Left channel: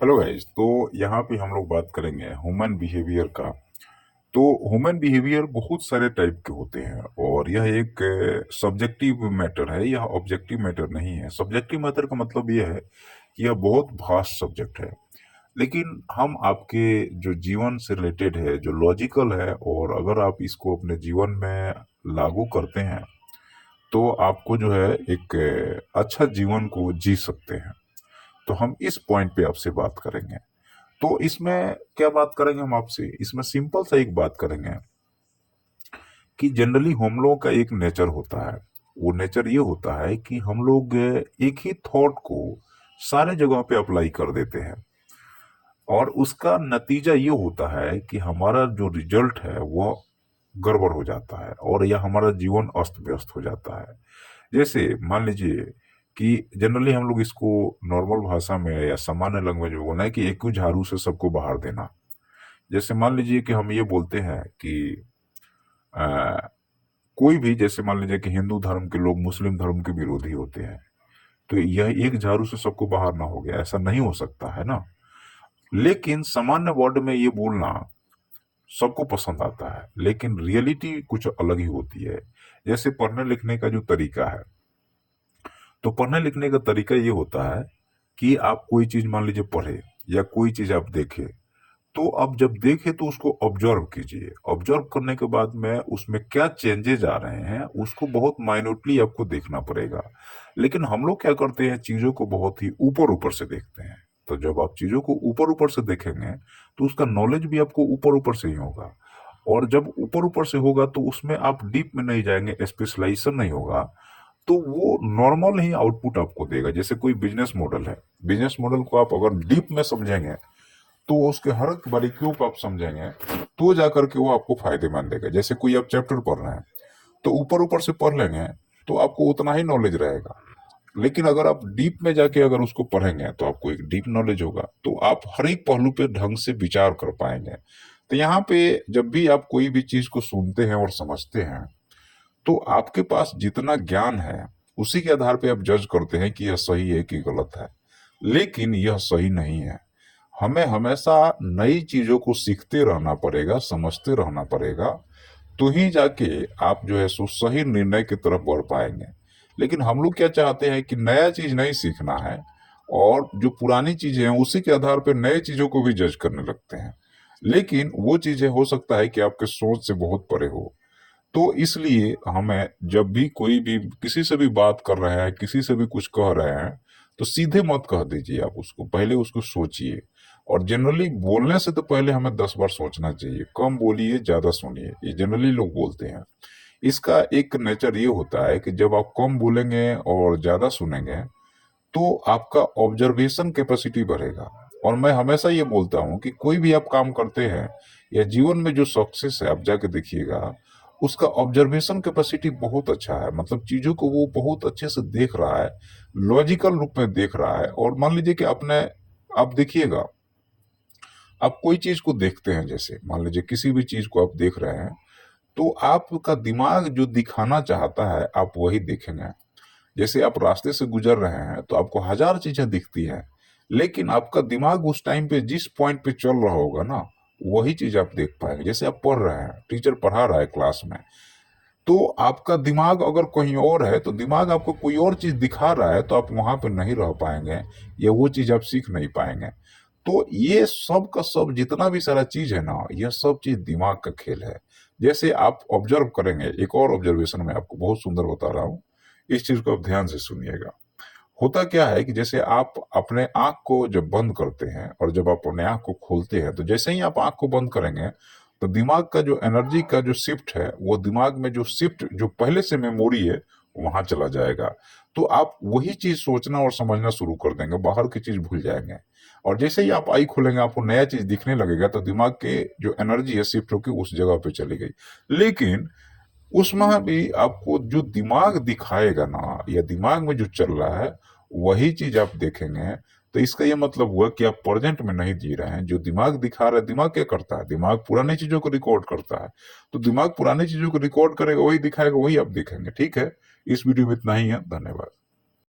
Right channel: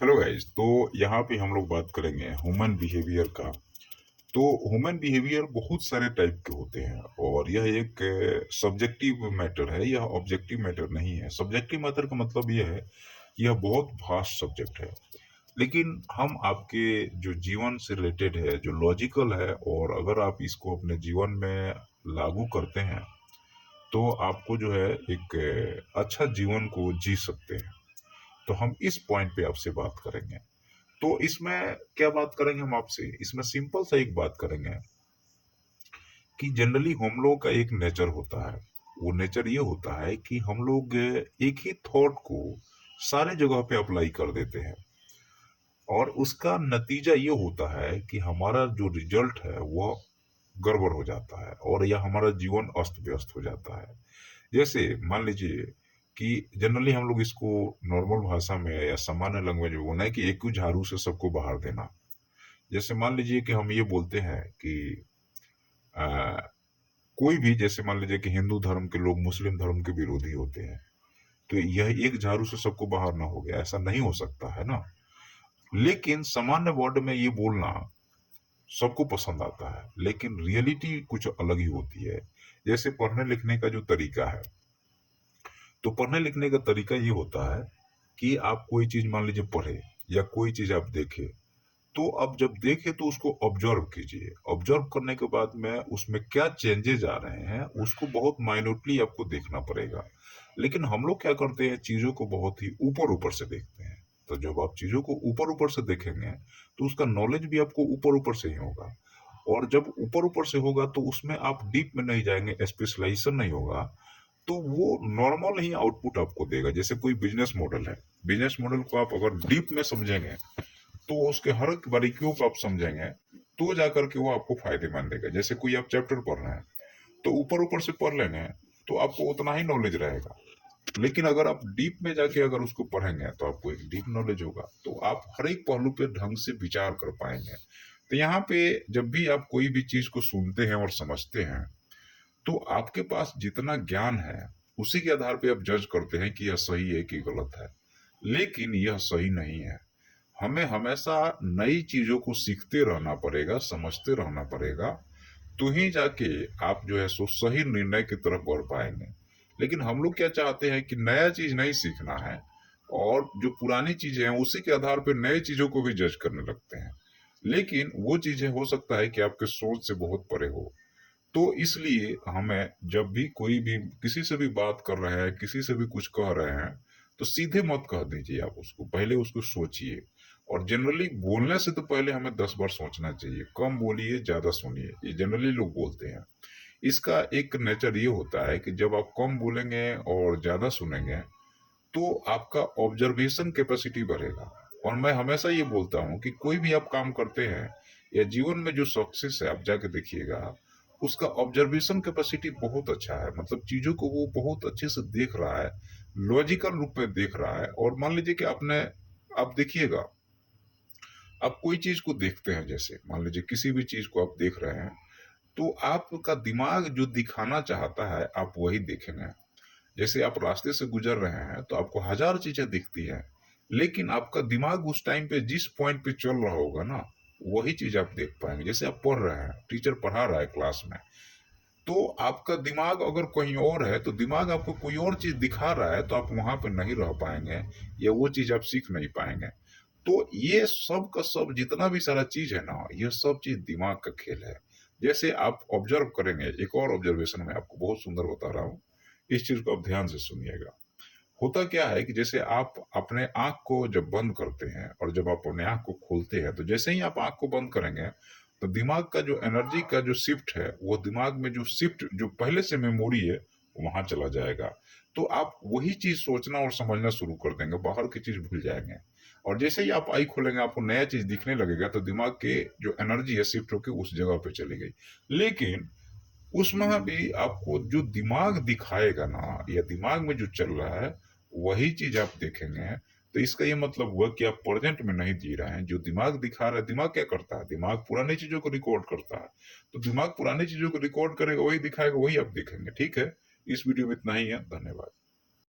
Hello guys. तो यहाँ पे हम लोग बात करेंगे ह्यूमन बिहेवियर का। तो ह्यूमन बिहेवियर बहुत सारे टाइप के होते हैं और यह एक सब्जेक्टिव मैटर है, यह ऑब्जेक्टिव मैटर नहीं है। सब्जेक्टिव मैटर का मतलब यह है कि यह बहुत वास्ट सब्जेक्ट है, लेकिन हम आपके जो जीवन से रिलेटेड है, जो लॉजिकल है, और अगर आप इसको अपने जीवन में लागू करते हैं तो आपको जो है एक अच्छा जीवन को जी सकते हैं। तो हम इस पॉइंट पे आपसे बात करेंगे। तो इसमें क्या बात करेंगे हम आपसे, इसमें सिंपल सा एक बात करेंगे कि जनरली हम लोगों का एक नेचर होता है। वो नेचर ये होता है कि हम लोग एक ही थॉट को सारे जगह पे अप्लाई कर देते हैं, और उसका नतीजा ये होता है कि हमारा जो रिजल्ट है वो गड़बड़ हो जाता है और या हमारा जीवन अस्त व्यस्त हो जाता है। जैसे मान लीजिए कि जनरली हम लोग इसको नॉर्मल भाषा में या सामान्य लैंग्वेज में बोलना है कि एक ही झाड़ू से सबको बाहर देना। जैसे मान लीजिए कि हम ये बोलते हैं कि आ, कोई भी, जैसे मान लीजिए कि हिंदू धर्म के लोग मुस्लिम धर्म के विरोधी होते हैं, तो यह एक झाड़ू से सबको बाहर ना हो गया, ऐसा नहीं हो सकता है ना। लेकिन सामान्य वर्ड में ये बोलना सबको पसंद आता है, लेकिन रियलिटी कुछ अलग ही होती है। जैसे पढ़ने लिखने का जो तरीका है, तो पढ़ने लिखने का तरीका ये होता है कि आप कोई चीज मान लीजिए पढ़े या कोई चीज आप देखे, तो अब जब देखे तो उसको ऑब्जर्व कीजिए। ऑब्जर्व करने के बाद में उसमें क्या चेंजेस आ रहे हैं उसको बहुत माइन्यूटली आपको देखना पड़ेगा। लेकिन हम लोग क्या करते हैं, चीजों को बहुत ही ऊपर ऊपर से देखते हैं। तो जब आप चीजों को ऊपर ऊपर से देखेंगे तो उसका नॉलेज भी आपको ऊपर ऊपर से ही होगा, और जब ऊपर ऊपर से होगा तो उसमें आप डीप में नहीं जाएंगे, स्पेशलाइजेशन नहीं होगा, तो वो नॉर्मल ही आउटपुट आपको देगा। जैसे कोई बिजनेस मॉडल है, बिजनेस मॉडल को आप अगर डीप में समझेंगे तो उसके हर एक बारीकियों को आप समझेंगे तो जाकर के वो आपको फायदेमंद देगा। जैसे कोई आप चैप्टर पढ़ रहे हैं तो ऊपर ऊपर से पढ़ लेंगे तो आपको उतना ही नॉलेज रहेगा, लेकिन अगर आप डीप में जाके अगर उसको पढ़ेंगे तो आपको एक डीप नॉलेज होगा, तो आप हर एक पहलू पे ढंग से विचार कर पाएंगे। तो यहाँ पे जब भी आप कोई भी चीज को सुनते हैं और समझते हैं, तो आपके पास जितना ज्ञान है उसी के आधार पे आप जज करते हैं कि यह सही है कि गलत है। लेकिन यह सही नहीं है। हमें हमेशा नई चीजों को सीखते रहना पड़ेगा, समझते रहना पड़ेगा, तो ही जाके आप जो है सो सही निर्णय की तरफ बढ़ पाएंगे। लेकिन हम लोग क्या चाहते हैं कि नया चीज नहीं सीखना है, और जो पुरानी चीजें हैं उसी के आधार पर नई चीजों को भी जज करने लगते हैं। लेकिन वो चीजें हो सकता है कि आपके सोच से बहुत परे हो। तो इसलिए हमें जब भी कोई भी किसी से भी बात कर रहे हैं, किसी से भी कुछ कह रहे हैं, तो सीधे मत कह दीजिए, आप उसको पहले उसको सोचिए। और जनरली बोलने से तो पहले हमें 10 बार सोचना चाहिए। कम बोलिए, ज्यादा सुनिए, ये जनरली लोग बोलते हैं। इसका एक नेचर ये होता है कि जब आप कम बोलेंगे और ज्यादा सुनेंगे तो आपका ऑब्जर्वेशन कैपेसिटी बढ़ेगा। और मैं हमेशा ये बोलता हूँ कि कोई भी आप काम करते हैं या जीवन में जो सक्सेस है, आप जाके देखिएगा, उसका ऑब्जर्वेशन कैपेसिटी बहुत अच्छा है। मतलब चीजों को वो बहुत अच्छे से देख रहा है, लॉजिकल रूप में देख रहा है। और मान लीजिए कि आपने, आप देखिएगा, आप कोई चीज को देखते हैं, जैसे मान लीजिए किसी भी चीज को आप देख रहे हैं, तो आपका दिमाग जो दिखाना चाहता है आप वही देखेंगे। जैसे आप रास्ते से गुजर रहे हैं तो आपको हजार चीजें दिखती है, लेकिन आपका दिमाग उस टाइम पे जिस पॉइंट पे चल रहा होगा ना, वही चीज आप देख पाएंगे। जैसे आप पढ़ रहे हैं, टीचर पढ़ा रहा है क्लास में, तो आपका दिमाग अगर कहीं और है तो दिमाग आपको कोई और चीज दिखा रहा है, तो आप वहां पे नहीं रह पाएंगे, या वो चीज आप सीख नहीं पाएंगे। तो ये सब का सब जितना भी सारा चीज है ना, यह सब चीज दिमाग का खेल है। जैसे आप ऑब्जर्व करेंगे, एक और ऑब्जर्वेशन मैं आपको बहुत सुंदर बता रहा हूँ, इस चीज को आप ध्यान से सुनिएगा। होता क्या है कि जैसे आप अपने आंख को जब बंद करते हैं और जब आप अपने आंख को खोलते हैं, तो जैसे ही आप आंख को बंद करेंगे तो दिमाग का जो एनर्जी का जो शिफ्ट है, वो दिमाग में जो शिफ्ट जो पहले से मेमोरी है वहां चला जाएगा। तो आप वही चीज सोचना और समझना शुरू कर देंगे, बाहर की चीज भूल जाएंगे। और जैसे ही आप आई खोलेंगे आपको नया चीज दिखने लगेगा, तो दिमाग के जो एनर्जी है शिफ्ट होकर उस जगह पे चली गई। लेकिन उसमें भी आपको जो दिमाग दिखाएगा ना, या दिमाग में जो चल रहा है वही चीज आप देखेंगे। तो इसका ये मतलब हुआ कि आप प्रेजेंट में नहीं जी रहे हैं। जो दिमाग दिखा रहा है, दिमाग क्या करता है, दिमाग पुरानी चीजों को रिकॉर्ड करता है। तो दिमाग पुरानी चीजों को रिकॉर्ड करेगा, वही दिखाएगा, वही आप देखेंगे। ठीक है, इस वीडियो में इतना ही है। धन्यवाद।